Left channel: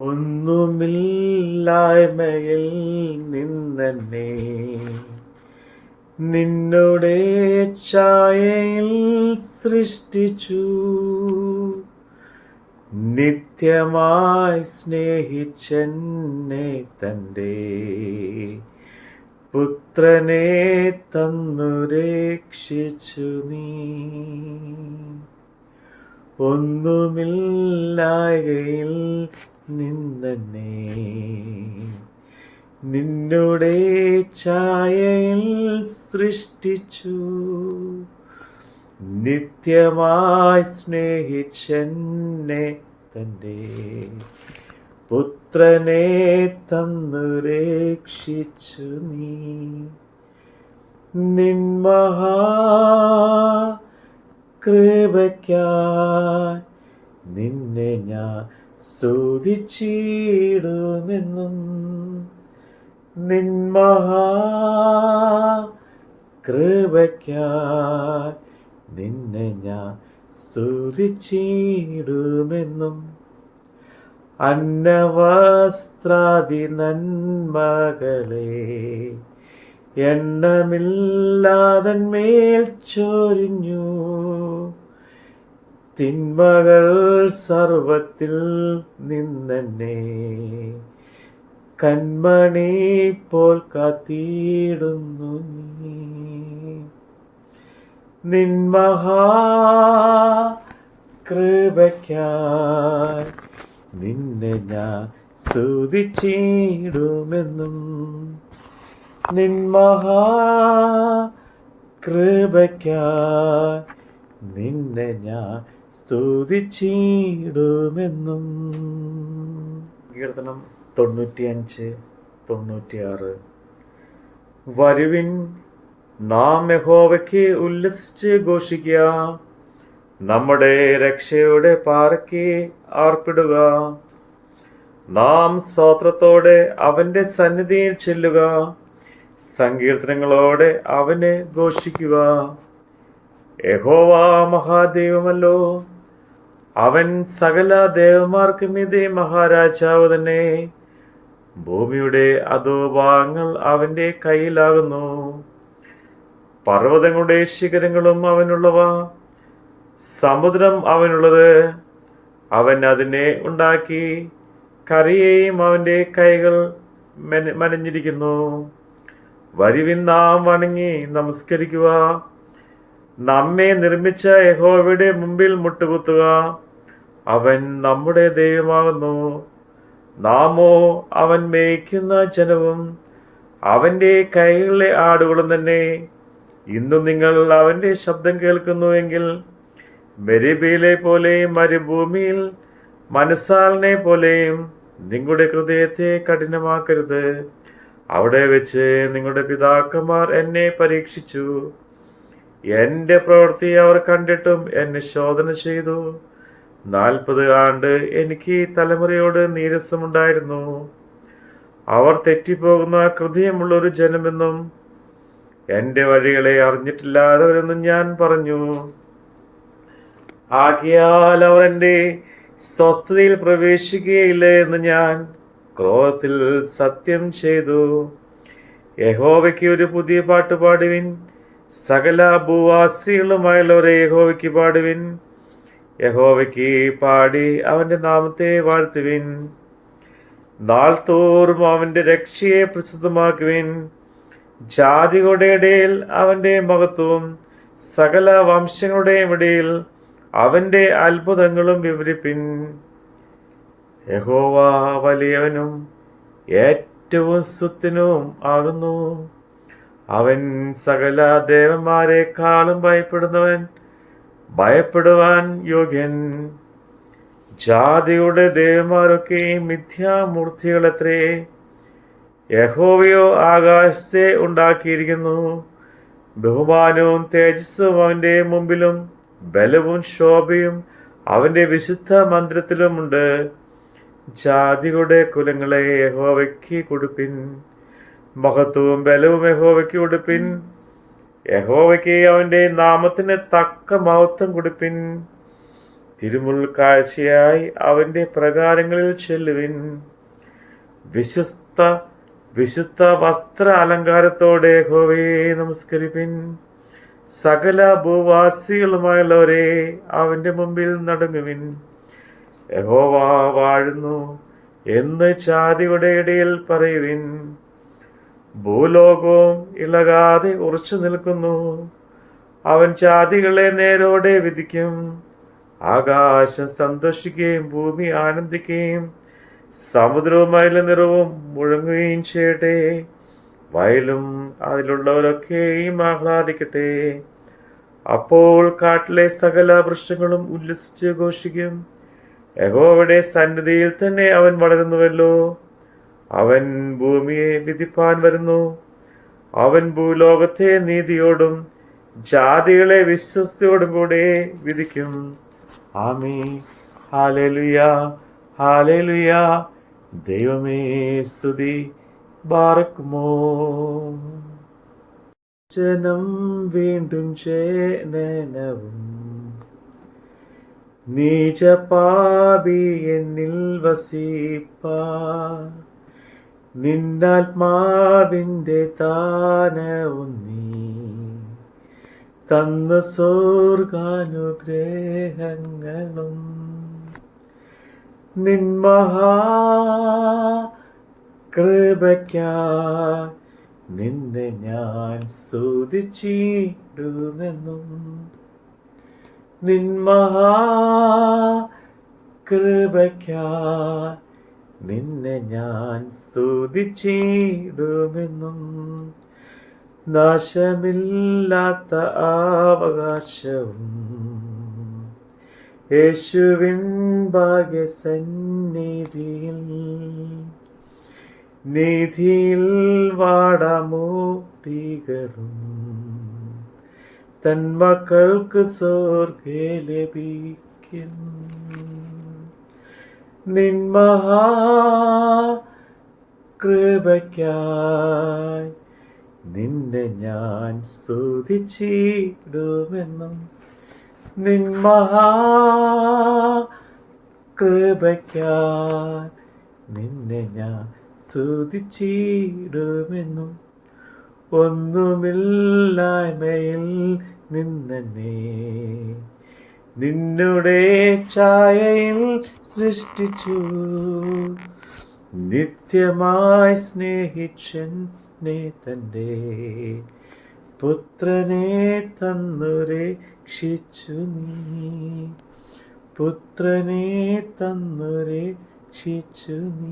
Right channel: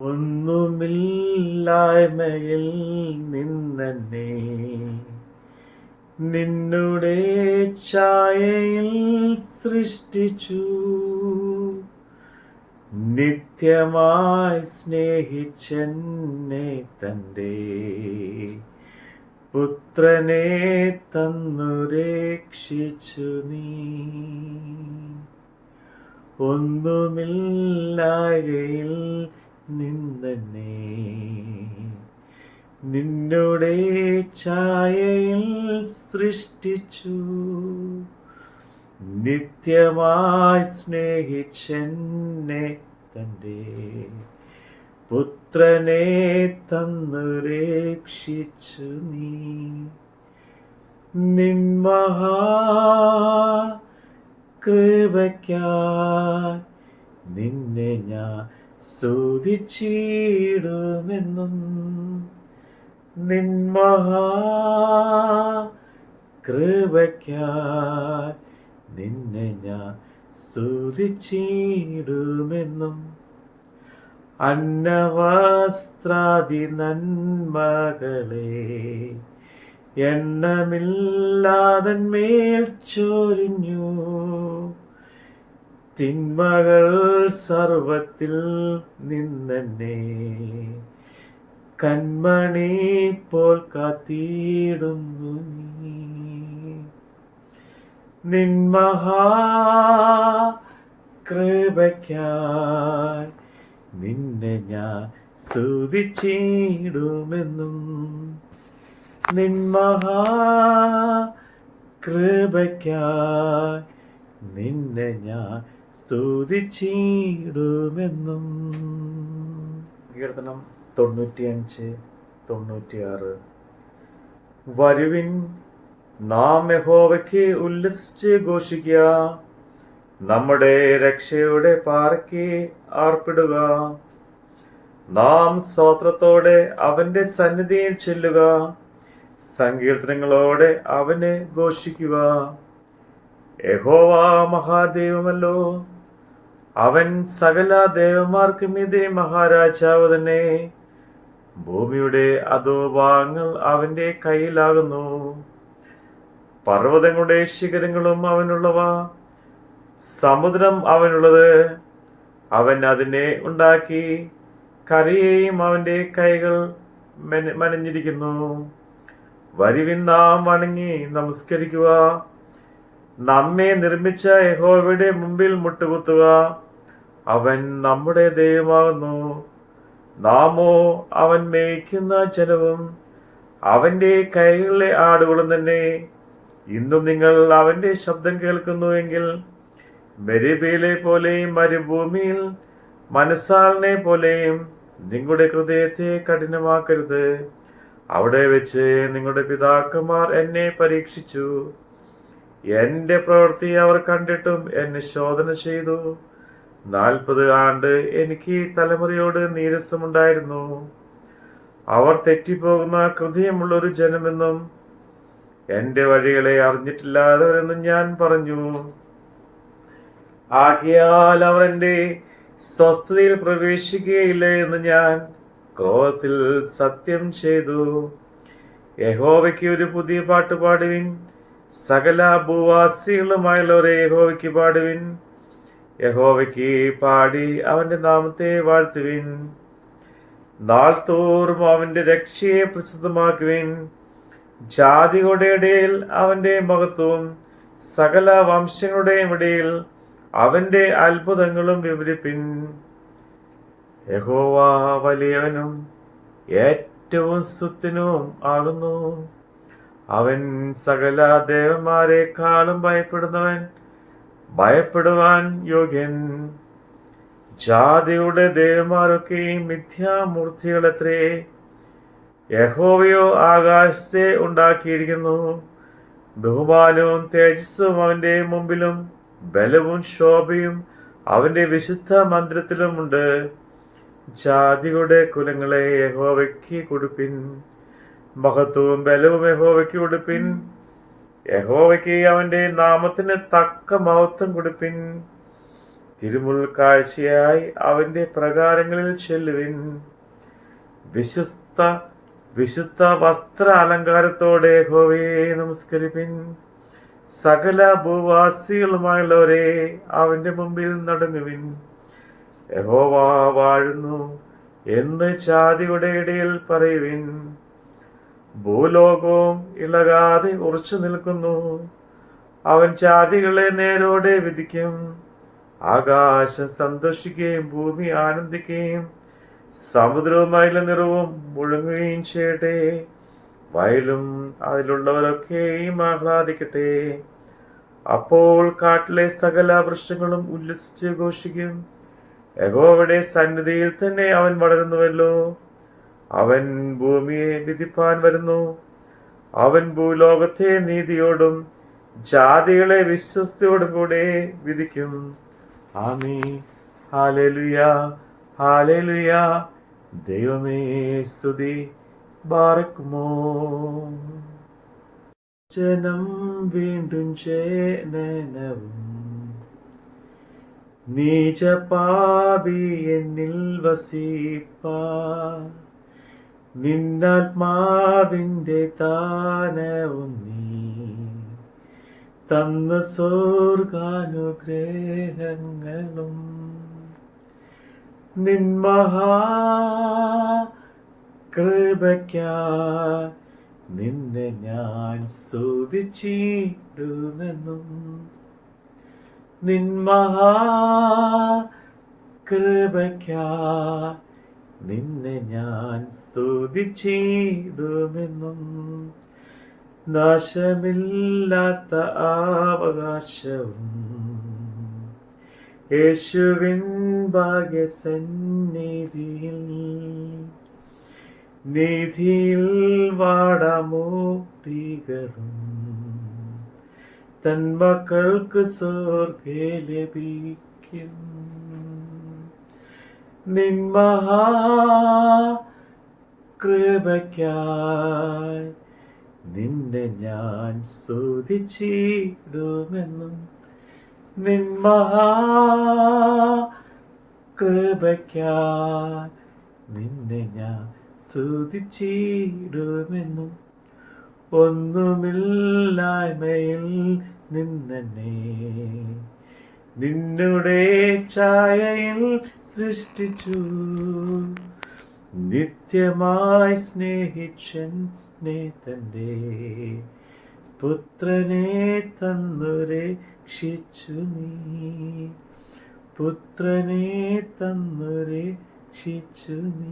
ഒന്നുമില്ലായ്മയിൽ നിന്നെന്നെ നിന്നുടെ ഛായയിൽ സൃഷ്ടിച്ചു. നിത്യമായി സ്നേഹിച്ചെന്നെ തന്റെ പുത്രനെ തന്നു രക്ഷിച്ചു നീ. ഒന്നുമില്ലായ്കയിൽ നിന്നെന്നെ നിന്നുടെ ഛായയിൽ സൃഷ്ടിച്ചു. നിത്യമായി സ്നേഹിച്ചെന്നെ തന്റെ പുത്രനെ തന്നു രക്ഷിച്ചു നീ. നിൻമഹാ കൃപയ്ക്കായി നിന്നെ ഞാൻ സ്തുതിച്ചിടുമെന്നും. നിൻമഹാ കൃപയ്ക്കായി നിന്നെ ഞാൻ സ്തുതിച്ചിടുമെന്നും. അന്നവസ്ത്രാദി നന്മകളെ എണ്ണമില്ലാതന്മേൽ ചൊരിഞ്ഞു. തിന്മകൾ സർവത്തിൽ നിന്നെന്നെ കൺമണി പോൽ കാത്തിടുന്നു നീ. നിൻമഹാ കൃപയ്ക്കായി നിന്നെ ഞാൻ സ്തുതിച്ചിടുമെന്നും. നിൻമഹാ കൃപയ്ക്കായി നിന്നെ ഞാൻ സ്തുതിച്ചിടുമെന്നും. കീർത്തനം 95-96. വരുവിൻ, നാം യഹോവയ്ക്ക് ഉല്ലസിച്ച് ഘോഷിക്കുക, നമ്മുടെ രക്ഷയുടെ പാറയ്ക്ക് ആർപ്പിടുക. നാം സ്തോത്രത്തോടെ അവന്റെ സന്നിധിയിൽ ചെല്ലുക, സങ്കീർത്തനങ്ങളോടെ അവനെ ഘോഷിക്കുക. യഹോവ മഹാദൈവമല്ലോ, അവൻ സകല ദേവന്മാർക്കും മീതെ മഹാരാജാവ് തന്നെ. ഭൂമിയുടെ അധോഭാഗങ്ങൾ അവന്റെ കയ്യിലാകുന്നു. പർവ്വതങ്ങളുടെ ശിഖരങ്ങളും അവനുള്ളവ, സമുദ്രം അവനുള്ളത്. അവൻ അതിനെ ഉണ്ടാക്കി, കരയെയും അവന്റെ കൈകൾ മെനഞ്ഞിരിക്കുന്നു. വരുവിൻ, നാം വണങ്ങി നമസ്കരിക്കുക, നമ്മെ നിർമ്മിച്ച യഹോവയുടെ മുമ്പിൽ മുട്ടുകുത്തുക. അവൻ നമ്മുടെ ദൈവമാകുന്നു, നാമോ അവൻ മേയ്ക്കുന്ന ജനവും അവന്റെ കൈകളിലെ ആടുകളും തന്നെ. ഇന്നും നിങ്ങൾ അവന്റെ ശബ്ദം കേൾക്കുന്നുവെങ്കിൽ മെരിബയിലെ പോലെയും മരുഭൂമിയിൽ മനസ്സാലിനെ പോലെയും നിങ്ങളുടെ ഹൃദയത്തെ കഠിനമാക്കരുത്. അവിടെ വെച്ച് നിങ്ങളുടെ പിതാക്കന്മാർ എന്നെ പരീക്ഷിച്ചു. എന്റെ പ്രവൃത്തി അവർ കണ്ടിട്ടും എന്നെ ശോധന ചെയ്തു. 40 ആണ്ട് എനിക്ക് തലമുറയോട് നീരസമുണ്ടായിരുന്നു. അവർ തെറ്റിപ്പോകുന്ന ഹൃദയമുള്ളൊരു ജനമെന്നും എന്റെ വഴികളെ അറിഞ്ഞിട്ടില്ലാത്തവരെന്നും ഞാൻ പറഞ്ഞു. ആകയാൽ അവർ എന്റെ സ്വസ്ഥതയിൽ പ്രവേശിക്കുകയില്ല എന്ന് ഞാൻ ക്രോധത്തിൽ സത്യം ചെയ്തു. യഹോവയ്ക്ക് ഒരു പുതിയ പാട്ട് പാടുവിൻ, സകല ഭൂവാസികളുമായുള്ളവരെ യഹോവയ്ക്ക് പാടുവിൻ. യഹോവയ്ക്ക് പാടി അവന്റെ നാമത്തെ വാഴ്ത്തുവിൻ. നാൾ തോറും അവന്റെ രക്ഷയെ പ്രസിദ്ധമാക്കുവിൻ. ജാതികളുടെ ഇടയിൽ അവന്റെ മഹത്വവും സകല വംശങ്ങളുടെയും ഇടയിൽ അവന്റെ അത്ഭുതങ്ങളും വിവരിപ്പിൻ. യഹോവ വലിയവനും ഏറ്റവും സ്തുത്യനും ആകുന്നു. അവൻ സകല ദേവന്മാരെക്കാളും ഭയപ്പെടുവാൻ യോഗ്യൻ. ജാതിയുടെ ദേവന്മാരൊക്കെ മിഥ്യാമൂർത്തികളത്രേ. യഹോവയോ ആകാശത്തെ ഉണ്ടാക്കിയിരിക്കുന്നു. ബഹുമാനവും തേജസ്സും അവന്റെ മുമ്പിലും ബലവും ശോഭയും അവന്റെ വിശുദ്ധ മന്ദിരത്തിലുമുണ്ട്. ജാതികളുടെ കുലങ്ങളെ യഹോവയ്ക്ക് കൊടുപ്പിൻ, മഹത്വവും ബലവും യഹോവയ്ക്ക് കൊടുപ്പിൻ. യഹോവയ്ക്ക് അവന്റെ നാമത്തിന് തക്ക മഹത്വം കൊടുപ്പിൻ. തിരുമുൽ കാഴ്ചയായി അവന്റെ പ്രകാരങ്ങളിൽ ചെല്ലുവിൻ. വിശുദ്ധ വസ്ത്ര അലങ്കാരത്തോടെ യഹോവയെ നമസ്കരിപ്പിൻ. സകല ഭൂവാസികളുമായുള്ളവരെ അവന്റെ മുമ്പിൽ നടുങ്ങുവിൻ. യഹോവ വാഴുന്നു എന്ന് ജാതിയുടെ ഇടയിൽ പറയുവിൻ. ഭൂലോകവും ഇളകാതെ ഉറച്ചു നിൽക്കുന്നു. അവൻ ജാതികളെ നേരോടെ വിധിക്കും. ആകാശം സന്തോഷിക്കുകയും ഭൂമി ആനന്ദിക്കുകയും സമുദ്രവും അതിലെ നിറവും മുഴങ്ങുകയും ചെയ്യട്ടെ. വയലും അതിലുള്ളവരൊക്കെയും ആഹ്ലാദിക്കട്ടെ. അപ്പോൾ കാട്ടിലെ സകല വൃക്ഷങ്ങളും ഉല്ലസിച്ച് ഘോഷിക്കും. യഹോവയുടെ സന്നിധിയിൽ തന്നെ അവൻ വളരുന്നുവല്ലോ. അവൻ ഭൂമിയെ വിധിപ്പാൻ വരുന്നു. അവൻ ഭൂലോകത്തെ നീതിയോടും ജാതികളെ വിശ്വസ്തയോടും കൂടെ വിധിക്കും. ആമേൻ. ഹല്ലേലൂയ, ഹല്ലേലൂയ. ദൈവമേ സ്തുതി. ബാറക്കുമോ. ജനം വീണ്ടും ജനനവും നീചപാപി എന്നിൽ വസിപ്പാൻ നിന്നാത്മാവിൻ്റെ ദാനവും നീ തന്ന സ്വർഗാനുഗ്രഹങ്ങളും നിൻ മഹാകൃപയ്ക്കായി നിന്നെ ഞാൻ സ്തുതിച്ചിടുമെന്നും. നിൻ മഹാകൃപയ്ക്കായി നിന്നെ ഞാൻ സ്തുതിച്ചിടുമെന്നും. നാശമില്ലാത്ത അവകാശവും യേശുവിൻ ഭാഗ്യസന്നിധിയിൽ നീതിയിൽ വാടാമൂടികളും തൻ മക്കൾക്ക് സ്വർഗ്ഗേ ലഭിക്കും. നിൻ മഹാകൃപയ്ക്കായി നിന്നെ ഞാൻ സ്തുതിച്ചിടുമെന്നും. നിൻ മഹാകൃപയ്ക്കായി നിന്നെ ഞാൻ സ്തുതിച്ചിടുമെന്നും. ഒന്നുമില്ലായ്മയിൽ നിന്നെ നിന്നുടെ ഛായയിൽ സൃഷ്ടിച്ചു. നിത്യമായി സ്നേഹിച്ചെന്നെ തൻ്റെ പുത്രനെ തന്നു രക്ഷിച്ചു നീ. പുത്രനെ തന്നു രക്ഷിച്ചു നീ.